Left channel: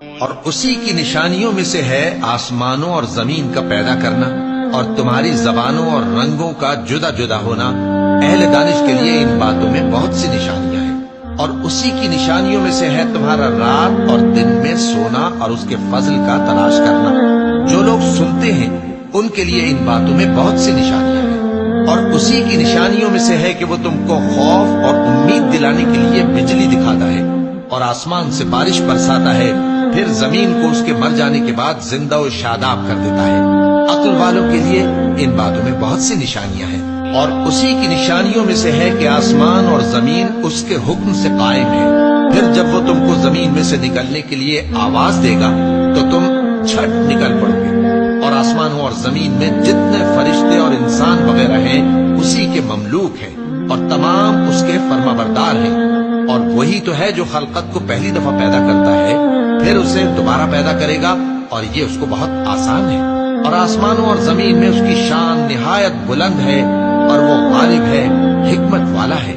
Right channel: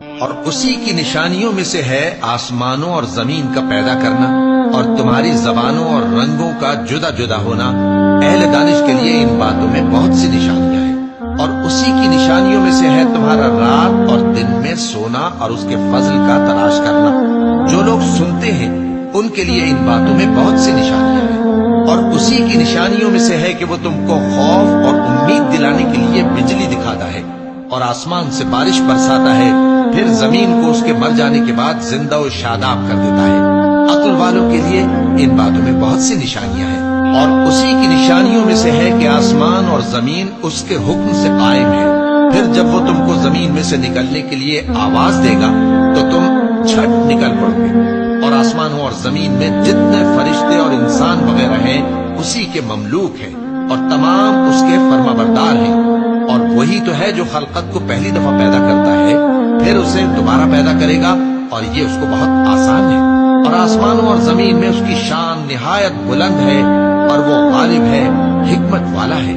اور اسی کی نشانیوں میں سے ہے آسمانوں اور زمین کا پیدا کرنا اور تمہاری زبانوں اور رنگوں کا جدا جدا ہونا۔ اہل دانش کے لیے ان باتوں میں بہت سی نشانیاں ہیں۔ اور اسی کی نشانیوں میں سے ہے تمہارا رات اور دن میں سونا اور اس کے فضل کا تلاش کرنا۔ جو لوگ سنتے ہیں ان کے لیے ان باتوں میں بہت سی نشانیاں ہیں۔ اور اسی کی نشانیوں میں سے ہے کہ وہ تم کو خوف اور امید دلانے کے لیے بجلی دکھاتا ہے اور آسمان سے بارش برساتا ہے، پھر زمین کو اس کے مر جانے کے بعد زندہ و شاداب کر دیتا ہے۔ عقل والوں کے لیے ان باتوں میں بہت سی نشانیاں ہیں۔ اور اسی کی نشانیوں میں سے ہے کہ آسمان اور زمین اس کے حکم سے قائم ہے، پھر جب وہ تم کو زمین میں سے نکلنے کے لیے آواز دے گا تو تم چھٹ نکل پڑو گے۔ اور آسمانوں اور زمین میں جتنے فرشتے اور انسان وغیرہ ہیں اسی کے مملوک ہیں اور تمام اس کے فرما بردار ہیں۔ اور وہی تو ہے جو خلقت کو پہلی دفعہ پیدا کرتا ہے، پھر اسے دوبارہ پیدا کرے گا، اور یہ اس کو بہت آسان ہے۔ اور آسمانوں اور زمین میں اس کی شان نہایت بلند ہے، اور وہ غالب ہے، حکمت والا ہے۔